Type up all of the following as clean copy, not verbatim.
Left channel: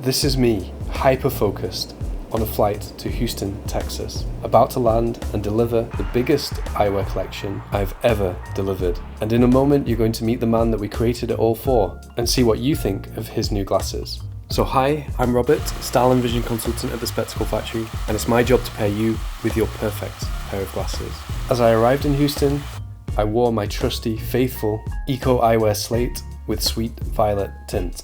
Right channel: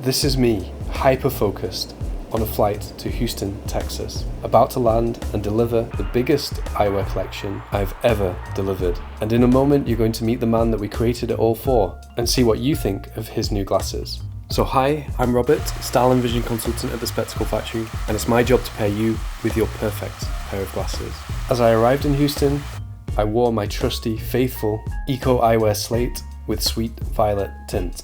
This is me, hyper-focused, on a flight to Houston, Texas, about to land and deliver the biggest eyewear collection I've ever delivered. And in a moment, you're going to meet the man that we created it all for and see what you think of his new glasses. So hi, I'm Robert, Style and Vision Consultant at the Spectacle Factory, and it's my job to pair you with your perfect pair of glasses. As I arrived in Houston, I wore my trusty, faithful Eco Eyewear Slate with Sweet Violet tint.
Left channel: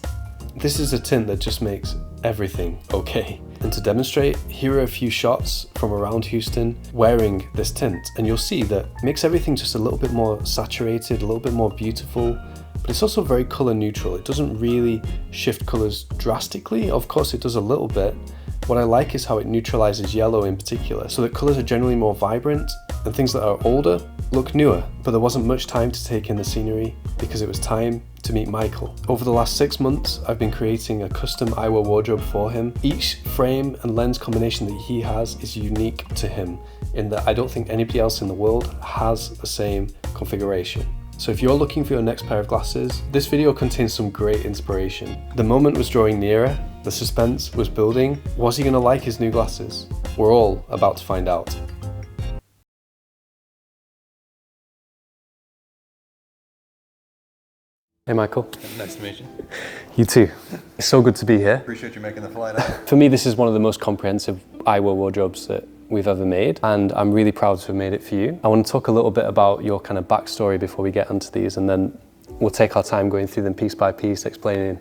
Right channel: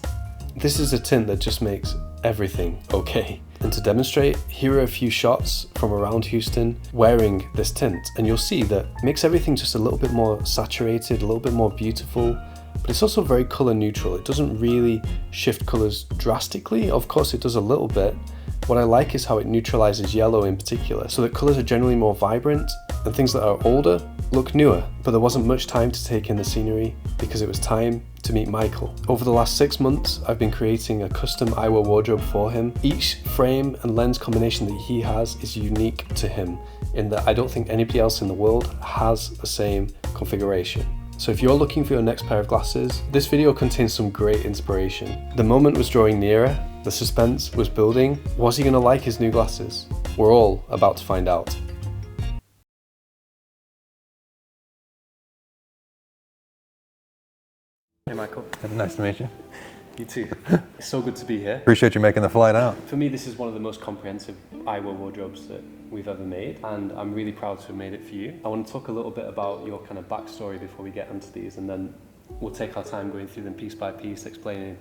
This is a tint that just makes everything okay. And to demonstrate, here are a few shots from around Houston wearing this tint, and you'll see that it makes everything just a little bit more saturated, a little bit more beautiful, but it's also very color neutral. It doesn't really shift colors drastically. Of course it does a little bit. What I like is how it neutralizes yellow in particular, so that colors are generally more vibrant and things that are older look newer. But there wasn't much time to take in the scenery because it was time to meet Michael. Over the last 6 months, I've been creating a custom eyewear wardrobe for him. Each frame and lens combination that he has is unique to him in that I don't think anybody else in the world has the same configuration. So if you're looking for your next pair of glasses, this video contains some great inspiration. The moment was drawing nearer, the suspense was building. Was he gonna like his new glasses? We're all about to find out. Hey Michael. Nice to meet you. You too. It's so good to be here. Appreciate you making the flight out. For me, this is one of the most comprehensive eyewear wardrobes that we've ever made, and I'm really proud to have made it for you. I want to talk a little bit about your kind of backstory before we get onto these, and then we'll take our time going through them piece by piece, explaining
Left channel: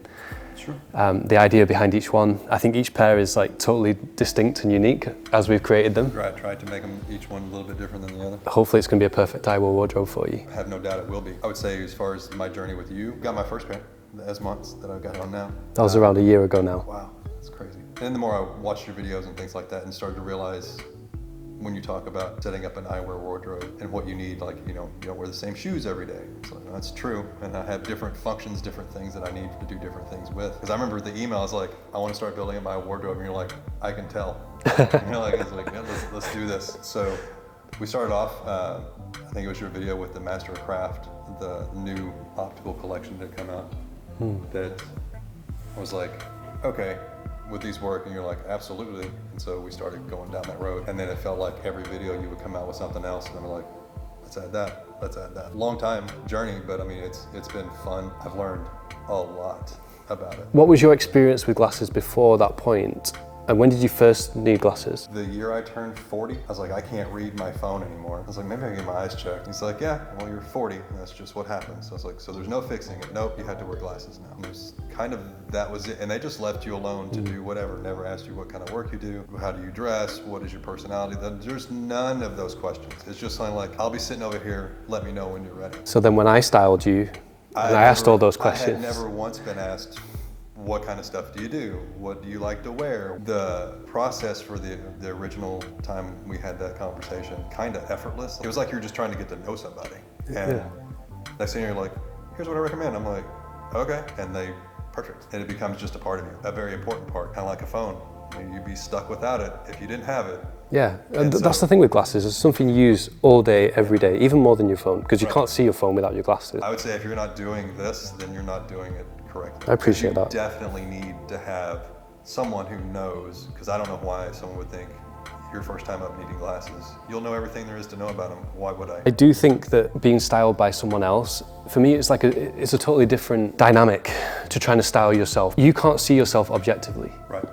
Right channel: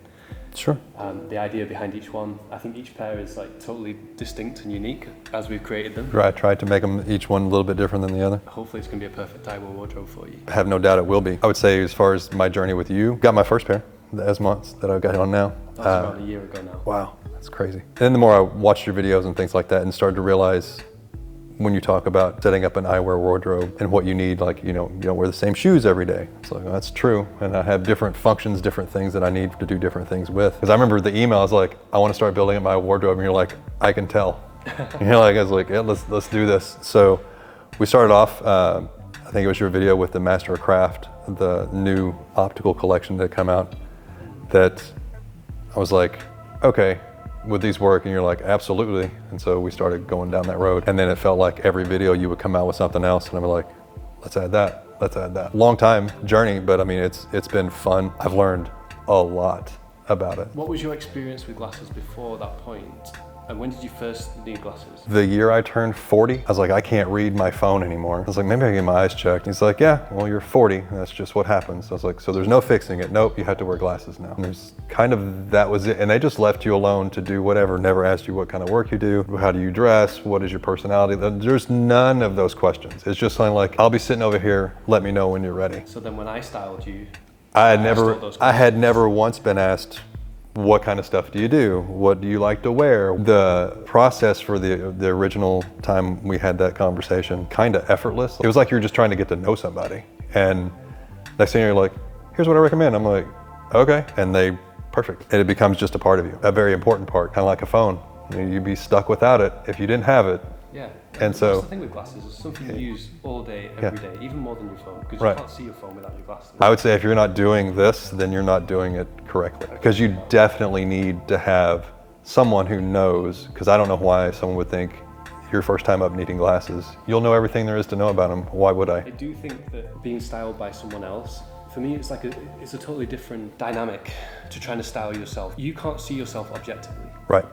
the idea behind each one. I think each pair is like totally distinct and unique as we've created them. Right, tried to make them each one a little bit different than the other. Hopefully it's going to be a perfect eyewear wardrobe for you. I have no doubt it will be. I would say as far as my journey with you, got my first pair, the Esmonts that I've got on now. That was around a year ago now. Wow, that's crazy. And the more I watched your videos and things like that and started to realize when you talk about setting up an eyewear wardrobe and what you need, like, you don't wear the same shoes every day. It's like, well, that's true. And I have different functions, different things that I need to do different things with. Because I remember the email, I was like, I want to start building up my wardrobe. And you're like, I can tell. I was like, yeah, let's do this. So we started off, I think it was your video with the Master of Craft, the new optical collection that come out, that I was like, okay, would these work? And you're like, absolutely. And so we started going down that road. And then it felt like every video you would come out with something else. And I'm like, let's add that, let's add that. Long time journey, but I mean, it's been fun. I've learned a lot about it. What was your experience with glasses before that point? And when did you first need glasses? The year I turned 40, I was like, I can't read my phone anymore. I was like, maybe I can get my eyes checked. He's like, yeah, well, you're 40. That's just what happens. I was like, so there's no fixing it. Nope, you have to wear glasses now. And there's kind of, that was it. And they just left you alone to do whatever, never asked you what kind of work you do, how do you dress, what is your personality. There's none of those questions. It's just something like, I'll be sitting over here, let me know when you're ready. So then when I styled you, I asked all those questions. I had never once been asked, what kind of stuff do you do? What do you like to wear? The process for the original time we had that conversation, kind of effortless. It was like you were just trying to get to know somebody. And next thing you're like, here's what I recommend. I'm like, okay. And perfect. And it becomes just a part of you, a very important part, kind of like a phone. You'd be stuck without it if you didn't have it. Yeah, and that's the thing with glasses. It's something you use all day, every day, even more than your phone, because you can't see your phone without your glasses. I would say if you're not doing this, then you're not doing it correctly. Because you definitely need to have someone who knows, because I don't know why someone would think your first time up needing glasses, you'll know everything there is to know about them. Why would I? I do think that being styled by someone else, for me, it's a totally different dynamic to trying to style yourself. You can't see yourself objectively. Right.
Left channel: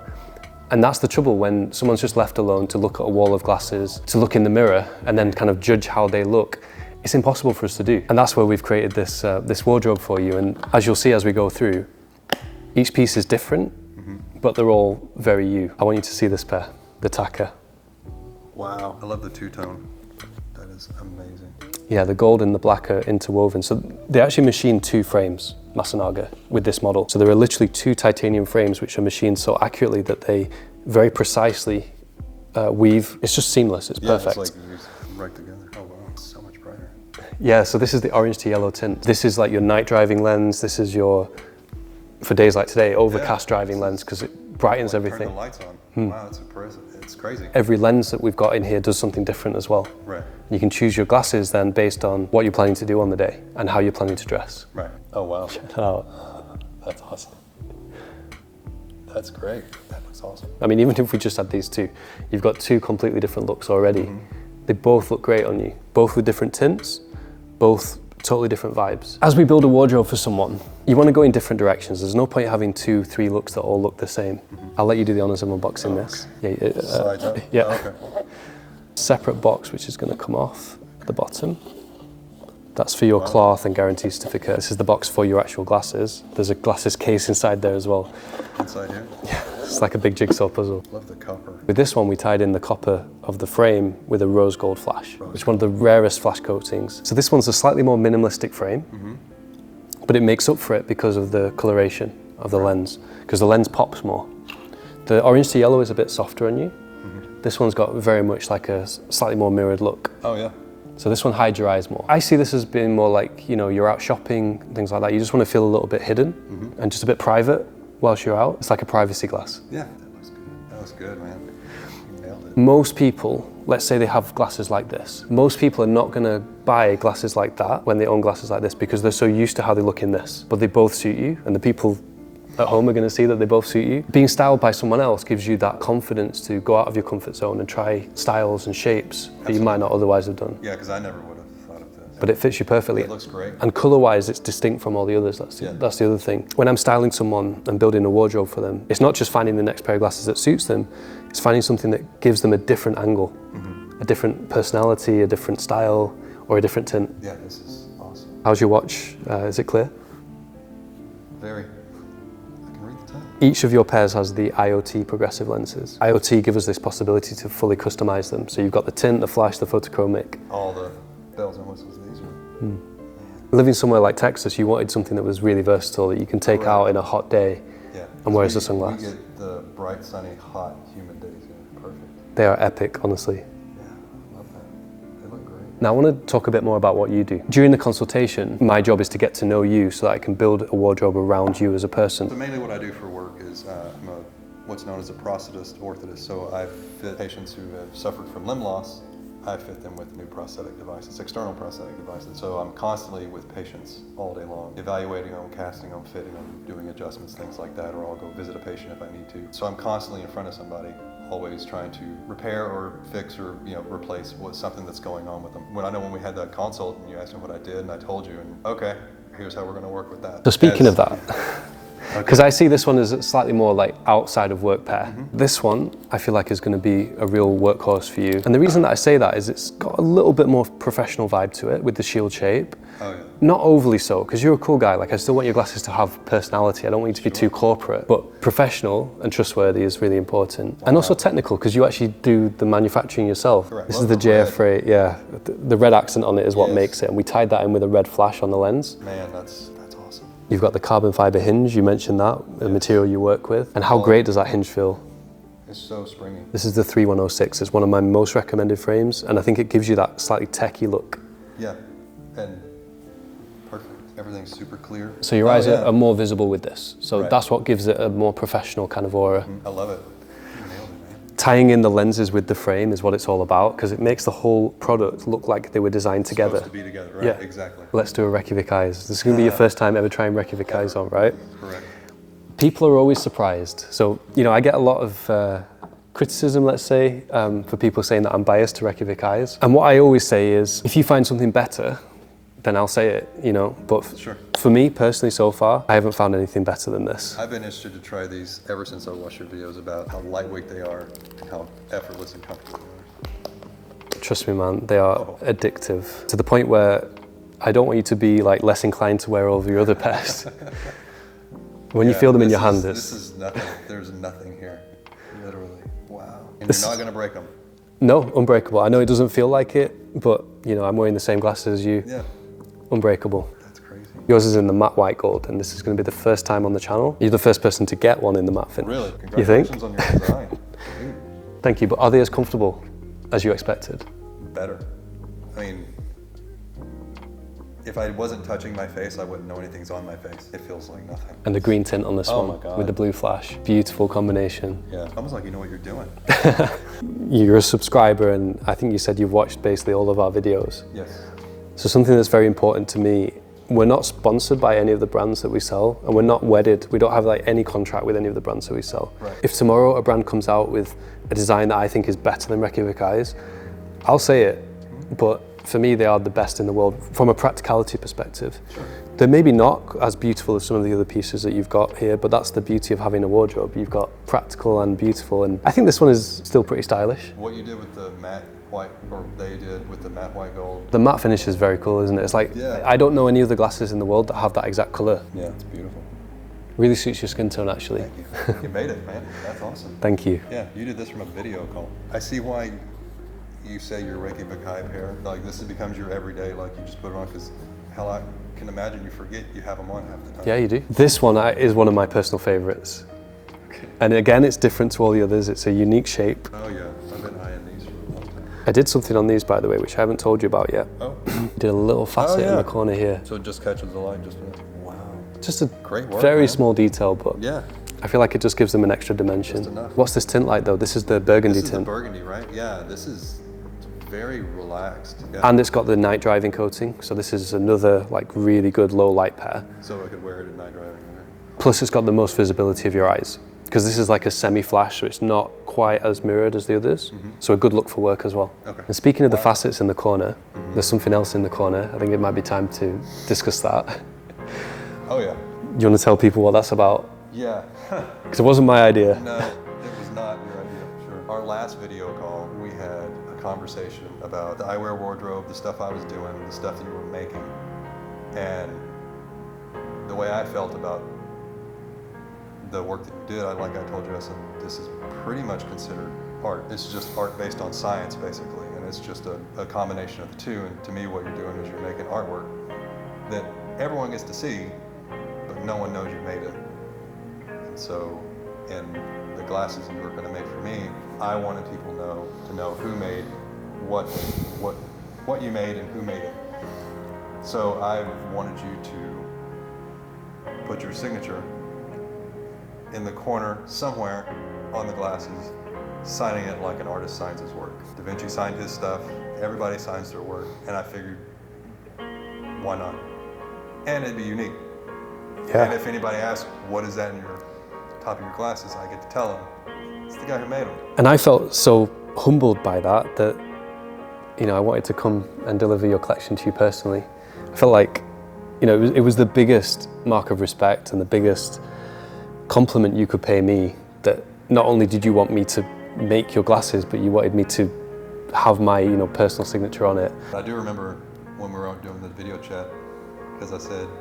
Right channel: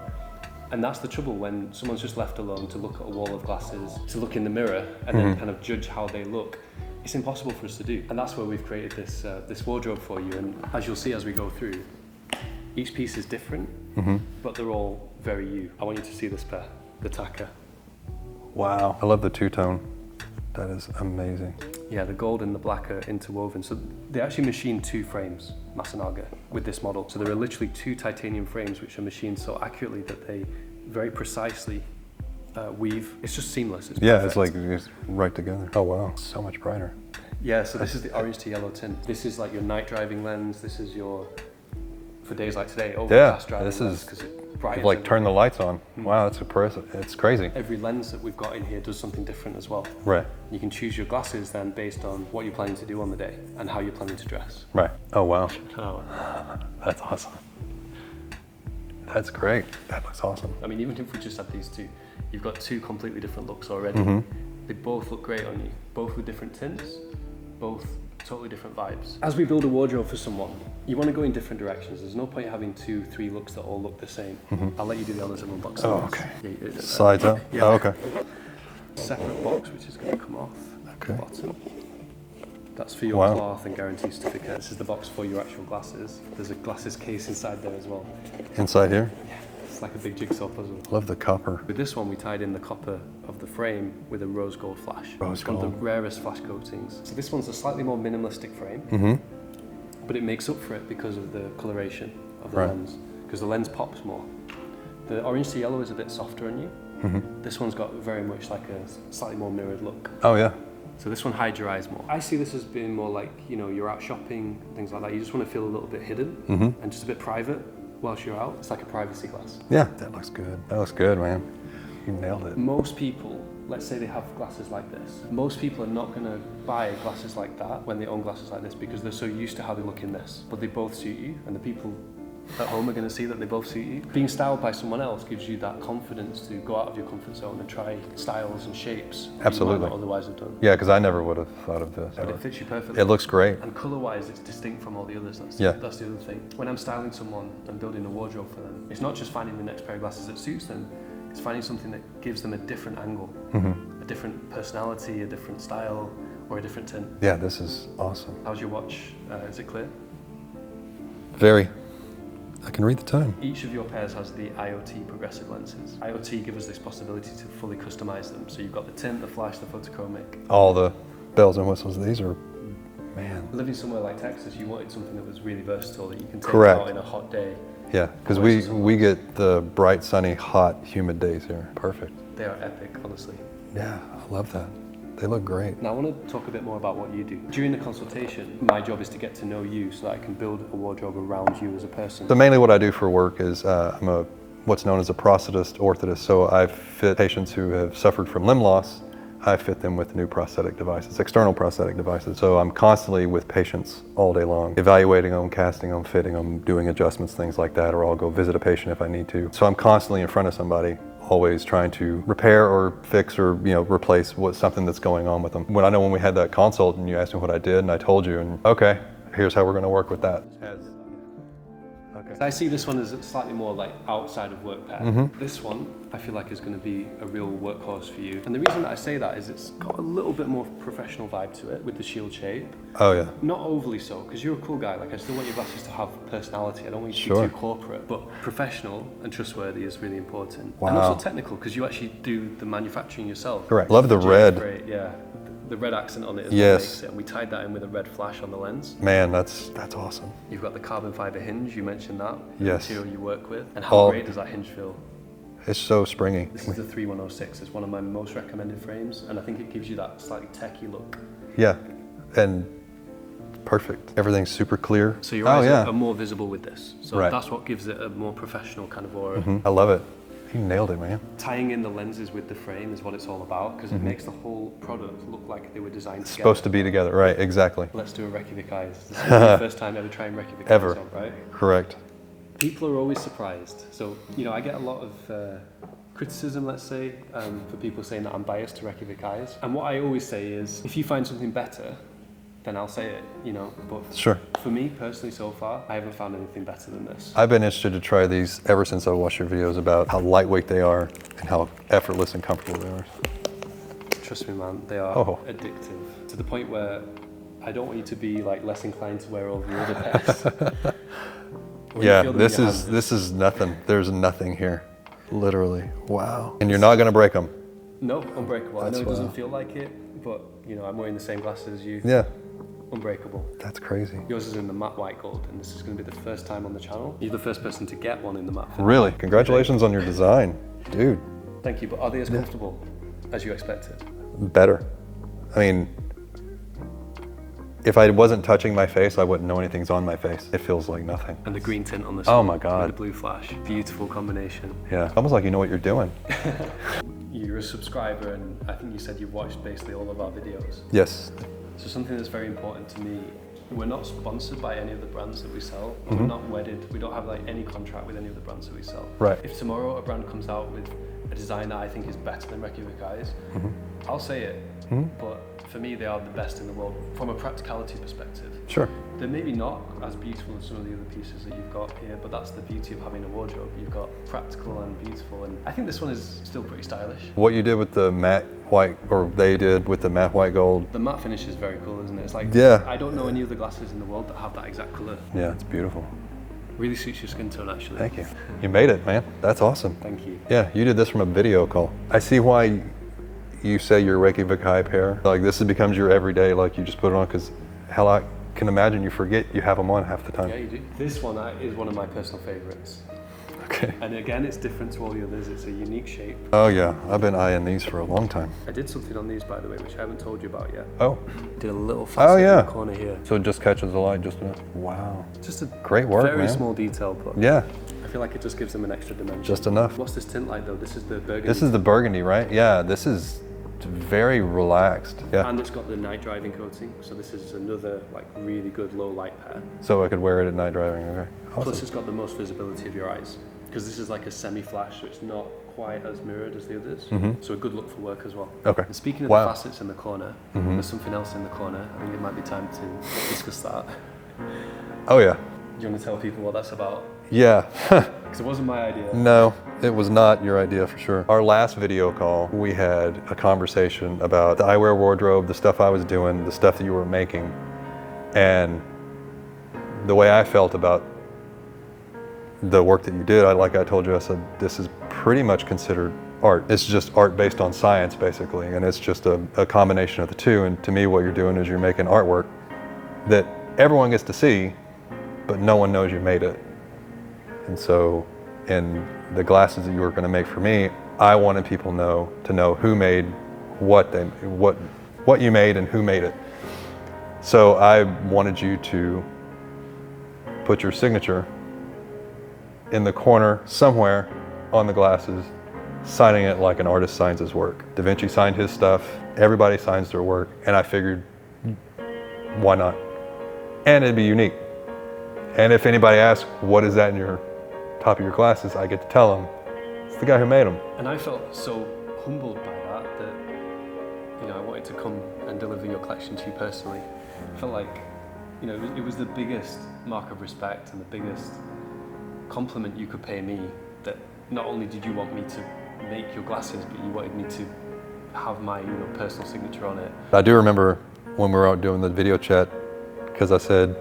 And that's the trouble when someone's just left alone to look at a wall of glasses, to look in the mirror and then kind of judge how they look. It's impossible for us to do. And that's where we've created this wardrobe for you. And as you'll see as we go through, each piece is different, but they're all very you. I want you to see this pair, the Taka. Wow. I love the two-tone. That is amazing. Yeah, the gold and the black are interwoven. So they actually machined 2 frames, Masanaga, with this model. So there are literally 2 titanium frames which are machined so accurately that they very precisely weave. It's just seamless, it's perfect. It's like it's right together. Oh wow, so much brighter. Yeah, so this is the orange to yellow tint. This is like your night driving lens. This is your, for days like today, overcast driving lens, because it brightens everything. Turn the lights on. Wow, that's impressive. It's crazy. Every lens that we've got in here does something different as well. Right. You can choose your glasses then based on what you're planning to do on the day and how you're planning to dress. Right. Oh wow. Check it out. That's awesome. That's great. That looks awesome. I mean, even if we just had these two, you've got two completely different looks already. They both look great on you, both with different tints, both totally different vibes. As we build a wardrobe for someone, you want to go in different directions. There's no point having 2, 3 looks that all look the same. I'll let you do the honors of unboxing this. Okay. Sides up? Yeah. Oh, okay. Separate box, which is going to come off the bottom. That's for your cloth and guarantee certificate. This is the box for your actual glasses. There's a glasses case inside there as well. Inside here? Yeah, it's like a big jigsaw puzzle. Love the copper. With this one, we tied in the copper of the frame with a rose gold flash. It's one of the rarest flash coatings. So this one's a slightly more minimalistic frame, but it makes up for it because of the coloration of the lens, because the lens pops more. The orange to yellow is a bit softer on you. This one's got very much like a slightly more mirrored look. Oh yeah. So this one hides your eyes more. I see this as being more like, you know, you're out shopping, things like that. You just want to feel a little bit hidden and just a bit private whilst you're out. It's like a privacy glass. Yeah, that looks good. That looks good, man. You nailed it. Most people, let's say they have glasses like this. Most people are not going to buy glasses like that when they own glasses like this because they're so used to how they look in this. But they both suit you, and the people at home are going to see that they both suit you. Being styled by someone else gives you that confidence to go out of your comfort zone and try styles and shapes that you might not otherwise have done. Yeah, because I never would have thought of this. But it fits you perfectly. It looks great. And colour-wise, it's distinct from all the others. That's the other thing. When I'm styling someone and building a wardrobe for them, it's not just finding the next pair of glasses that suits them, it's finding something that gives them a different angle, a different personality, a different style, or a different tint. Yeah, this is awesome. How's your watch? Is it clear? Very. I can read the time. Each of your pairs has the IoT progressive lenses. IoT give us this possibility to fully customize them. So you've got the tint, the flash, the photochromic. All the bells and whistles. These are, man. Living somewhere like Texas, you wanted something that was really versatile that you can take out in a hot day. Yeah, because we get the bright, sunny, hot, humid days here. Perfect. They are epic, honestly. Yeah, I love that. They look great. Now I want to talk a bit more about what you do. During the consultation, my job is to get to know you so that I can build a wardrobe around you as a person. So mainly what I do for work is I'm what's known as a prosthetist orthotist. So I fit patients who have suffered from limb loss. I fit them with new prosthetic devices, external prosthetic devices. So I'm constantly with patients all day long, evaluating them, casting them, fitting them, doing adjustments, things like that, or I'll go visit a patient if I need to. So I'm constantly in front of somebody, always trying to repair or fix or replace something that's going on with them. When we had that consult and you asked me what I did and I told you, and okay, here's how we're going to work with that. So speaking of that, because I see this one as slightly more like outside of work pair. This one I feel like is going to be a real workhorse for you. And the reason that I say that is it's got a little bit more professional vibe to it with the shield shape. Oh yeah. Not overly so, because you're a cool guy. Like I still want your glasses to have personality. I don't want you to be too corporate. But professional and trustworthy is really important. And also technical, because you actually do the manufacturing yourself. Correct. Love the red. JF, yeah. The red accent on it is what makes it. And we tied that in with a red flash on the lens. Man, that's awesome. You've got the carbon fiber hinge, you mentioned that, the material you work with. And how great does that hinge feel? It's so springy. This is the 3106. It's one of my most recommended frames, and I think it gives you that slightly techie look. Yeah, and perfect. Everything's super clear. So your eyes are more visible with this. So that's what gives it a more professional kind of aura. I love it. You nailed it, man. Tying in the lenses with the frame is what it's all about, because it makes the whole product look like they were designed together. Supposed to be together, right? Yeah. Exactly. Let's do a Reykjavik eyes. This is going to be your first time ever trying Reykjavik eyes on, right? Correct. People are always surprised. So, I get a lot of criticism, let's say, for people saying that I'm biased to Reykjavik eyes. And what I always say is, if you find something better, then I'll say it, But for me personally so far, I haven't found anything better than this. I've been interested to try these ever since I've watched your videos about how lightweight they are and how effortless and comfortable they are. Trust me, man, they are addictive to the point where I don't want you to be like less inclined to wear all of your other pairs. When you feel them in your hand. This is nothing. There's nothing here, literally. Wow. And you're not going to break them. No, unbreakable. I know it doesn't feel like it, but I'm wearing the same glasses as you. Yeah. Unbreakable. That's crazy. Yours is in the matte white gold, and this is going to be the first time on the channel. You're the first person to get one in the matte finish. Really? Congratulations on your design, dude. Thank you, but are they as comfortable as you expected? Better. I mean, if I wasn't touching my face, I wouldn't know anything's on my face. It feels like nothing. And the green tint on this one. Oh my God. With the blue flash. Beautiful combination. Yeah, almost like you know what you're doing. You're a subscriber, and I think you said you've watched basically all of our videos. Yes. So something that's very important to me we're not sponsored by any of the brands that we sell, and we're not wedded. We don't have like any contract with any of the brands that we sell. Right. If tomorrow a brand comes out with a design that I think is better than Reykjavik eyes, I'll say it. But for me, they are the best in the world from a practicality perspective. Sure. They're maybe not as beautiful as some of the other pieces that you've got here, but that's the beauty of having a wardrobe. You've got practical and beautiful, and I think this one is still pretty stylish. What you did with the matte white, or they did with the matte white gold. The matte finish is very cool, isn't it? It's like, Yeah. I don't know any other glasses in the world that have that exact color. Yeah, it's beautiful. Really suits your skin tone, actually. Thank you. You made it, man. That's awesome. Thank you. Yeah, you did this from a video call. I see why you say your Reykjavik high pair. Like this becomes your everyday, like you just put it on, because hell, I can imagine you forget you have them on half the time. Yeah, you do. This one is one of my personal favorites. Okay. And again, it's different to all the others. It's a unique shape. Oh yeah, I've been eyeing these for a long time. I did something on these, by the way, which I haven't told you about yet. Oh. Did a little facet yeah. in the corner here. So it just catches the light, just, wow. Just a Great work, very man. small detail, but Yeah, I feel like it just gives them an extra dimension. Just enough. What's this tint like though? This is the burgundy this is the tint. burgundy, right? Yeah, this is very relaxed. Yeah. And it's got the night driving coating, so this is another like really good low light pair. So I could wear it at night driving, okay. Plus it's got the most visibility of your eyes, because this is like a semi-flash, so it's not quite as mirrored as the others. So a good look for work as well. Okay. And speaking of the Wow. facets in the corner, there's something else in the corner. I think it might be time to discuss that. Oh yeah. You want to tell people what that's about? Yeah. Because it wasn't my idea. No, it was not your idea for sure. Our last video call, we had a conversation about the eyewear wardrobe, the stuff I was doing, the stuff that you were making, and the way I felt about the work that you did. Like I told you, I said, this is pretty much considered art. It's just art based on science, basically, and it's just a combination of the two. And to me, what you're doing is you're making artwork that everyone gets to see, but no one knows you made it. And so, in the glasses that you were going to make for me, I wanted people to know who made what you made and who made it. So I wanted you to put your signature in the corner somewhere on the glasses, signing it like an artist signs his work. Da Vinci signed his stuff, everybody signs their work, and I figured, why not? And it'd be unique. Yeah. And if anybody asks, what is that in your top of your glasses, I get to tell them, it's the guy who made them. And I felt so humbled by that, you know, I wanted to come and deliver your collection to you personally. I felt like, you know, it was the biggest mark of respect and the biggest compliment you could pay me, that not only did you want me to make your glasses, but you wanted me to have my, you know, personal signature on it. I do remember when we were out doing the video chat, because I said,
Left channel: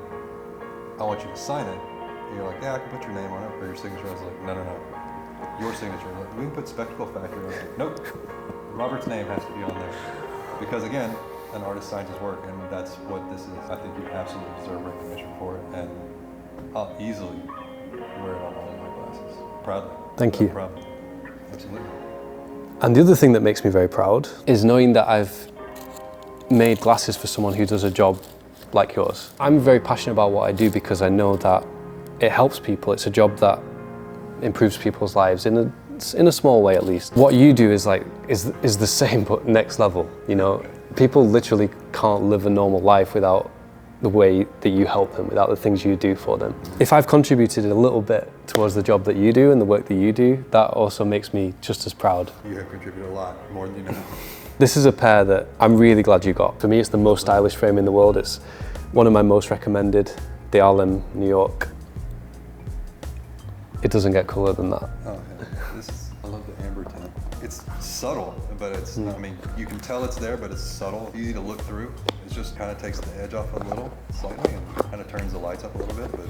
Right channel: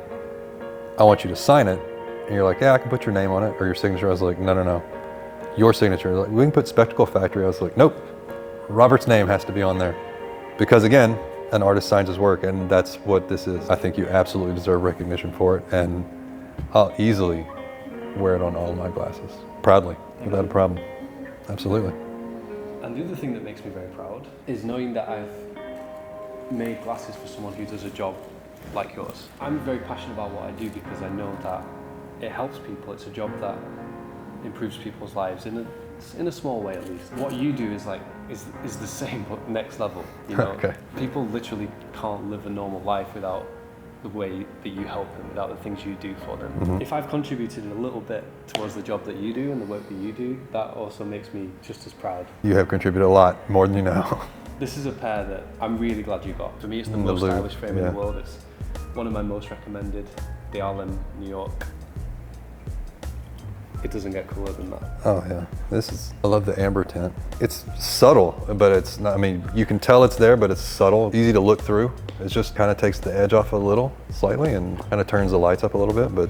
I want you to sign it. And you're like, yeah, I can put your name on it or your signature. I was like, no. Your signature. Like, we can put Spectacle Factory. I was like, nope. Robert's name has to be on there. Because again, an artist signs his work, and that's what this is. I think you absolutely deserve recognition for it, and I'll easily wear it on all my glasses. Proudly. Thank Without you. problem. Absolutely. And the other thing that makes me very proud is knowing that I've made glasses for someone who does a job like yours. I'm very passionate about what I do because I know that it helps people. It's a job that improves people's lives in a small way, at least. What you do is the same but next level. You know, Okay. People literally can't live a normal life without the way that you help them, without the things you do for them. If I've contributed a little bit towards the job that you do and the work that you do, that also makes me just as proud. You have contributed a lot, more than you know. This is a pair that I'm really glad you got. For me, it's the most Lovely. stylish frame in the world. It's one of my most recommended, the Harlem, New York. It doesn't get cooler than that. Oh yeah, I love the amber tint. It's subtle, but it's not, I mean, you can tell it's there, but it's subtle, easy to look through. It just kind of takes the edge off a little, slightly, and kind of turns the lights up a little bit, but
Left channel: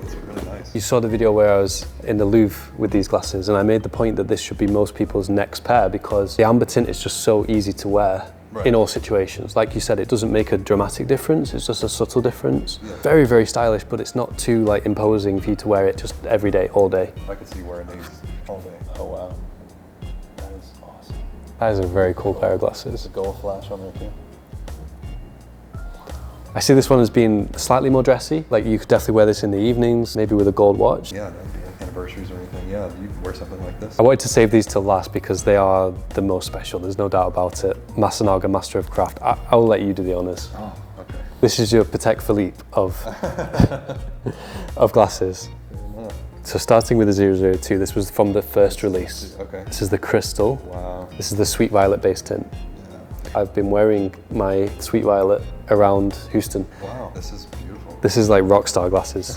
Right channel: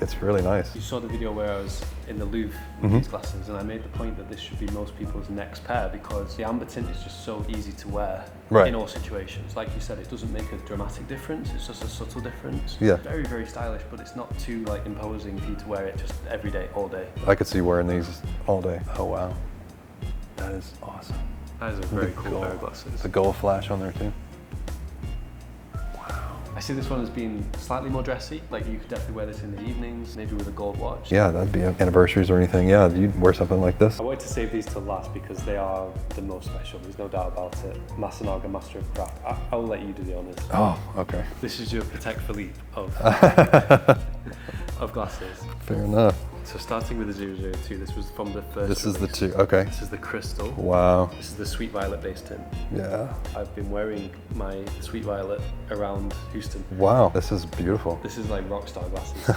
it's really nice. You saw the video where I was in the Louvre with these glasses, and I made the point that this should be most people's next pair because the amber tint is just so easy to wear in all situations. Like you said, it doesn't make a dramatic difference, it's just a subtle difference. Yeah. Very, very stylish, but it's not too like imposing for you to wear it just every day, all day. I could see wearing these all day. Oh wow, that is awesome. That is a very cool pair of glasses. There's a gold flash on there too. I I see this one as being slightly more dressy. Like you could definitely wear this in the evenings, maybe with a gold watch. Yeah, that'd be anniversaries or anything. Yeah, you'd wear something like this. I wanted to save these till last because they are the most special, there's no doubt about it. Masanaga, Master of Craft. I will let you do the honours. Oh, okay. This is your Patek Philippe of, of glasses. Fair enough. So starting with the 002, this was from the first release. Okay. This is the crystal. Wow. This is the Sweet Violet base tint. Yeah. I've been wearing my Sweet Violet around Houston. Wow, this is beautiful. This is like rock star glasses.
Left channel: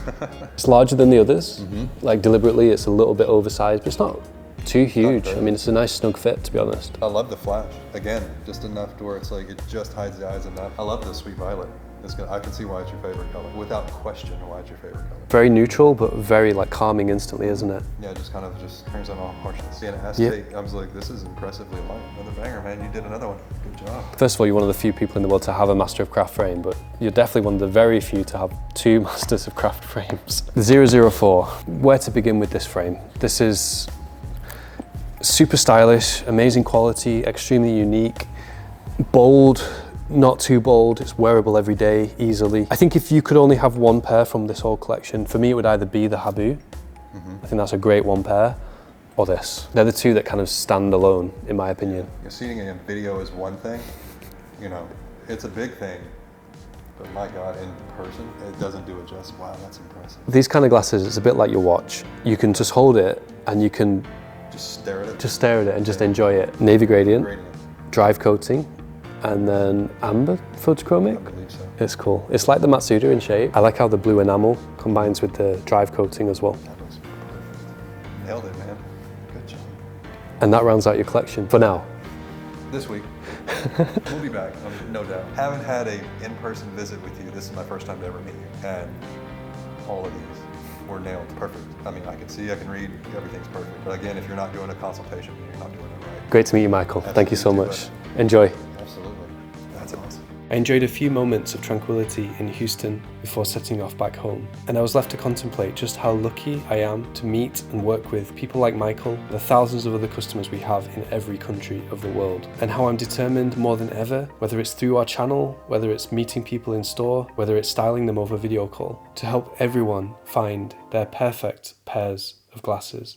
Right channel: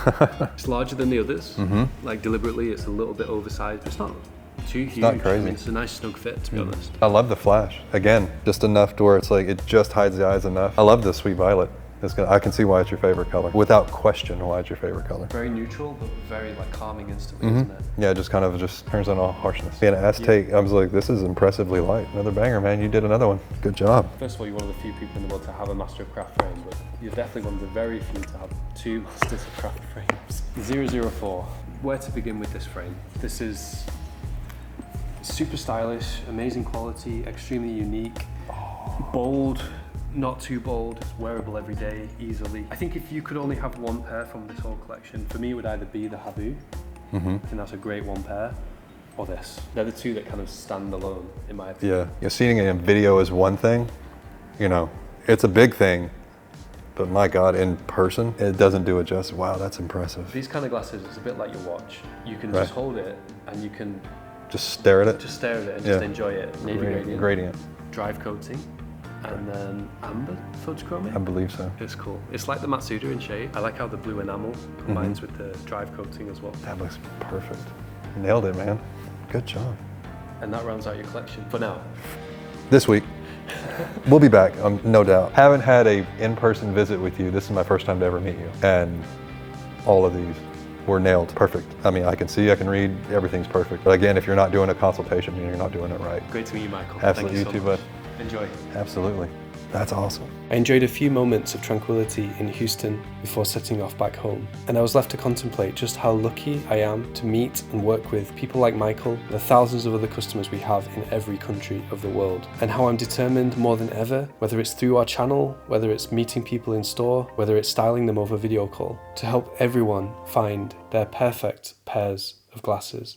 It's larger than the others. Like deliberately, it's a little bit oversized, but it's not too huge. I mean, it's a nice snug fit, to be honest. I love the flash. Again, just enough to where it's like, it just hides the eyes enough. I love the Sweet Violet. I can see why it's your favorite color. Without question, why it's your favorite color. Very neutral, but very like calming instantly, isn't it? Yeah, it just kind of just turns on all harshness. Being an Aztec, I was like, this is impressively light. Another banger, man. You did another one. Good job. First of all, you're one of the few people in the world to have a Master of Craft frame, but you're definitely one of the very few to have 2 Masters of Craft frames. The 004, where to begin with this frame? This is super stylish, amazing quality, extremely unique, bold, not too bold, it's wearable every day, easily. I think if you could only have one pair from this whole collection, for me it would either be the Habu, I think that's a great one pair, or this. They're the two that kind of stand alone, in my opinion. Yeah, seeing it in video is one thing, you know, it's a big thing, but my God, in person, it doesn't do it justice. Wow, that's impressive. These kind of glasses, it's a bit like your watch. You can just hold it and you can just stare at it? Just stare at it and just enjoy it. Navy gradient, drive coating, and then amber photochromic? I believe so. It's cool. It's like the Matsuda in shape. I like how the blue enamel combines with the drive coating as well. That looks perfect. Nailed it, man. Good job. And that rounds out your collection for now. This week. We'll be back, no doubt. Haven't had a in-person visit with you. This is my first time to ever meet you. And all of these were nailed. Perfect. I mean, I can see, I can read, everything's perfect. But again, if you're not doing a consultation, you're not doing it right. Great to meet you, Michael. Absolutely. Thank you so You too, much. bud. Enjoy. Absolutely. That's awesome. I enjoyed a few moments of tranquility in Houston before setting off back home, and I was left to contemplate just how lucky I am to meet and work with people like Michael, the thousands of other customers we have in every country of the world, and how I'm determined more than ever, whether it's through our channel, whether it's meeting people in store, whether it's styling them over video call, to help everyone find their perfect pairs of glasses.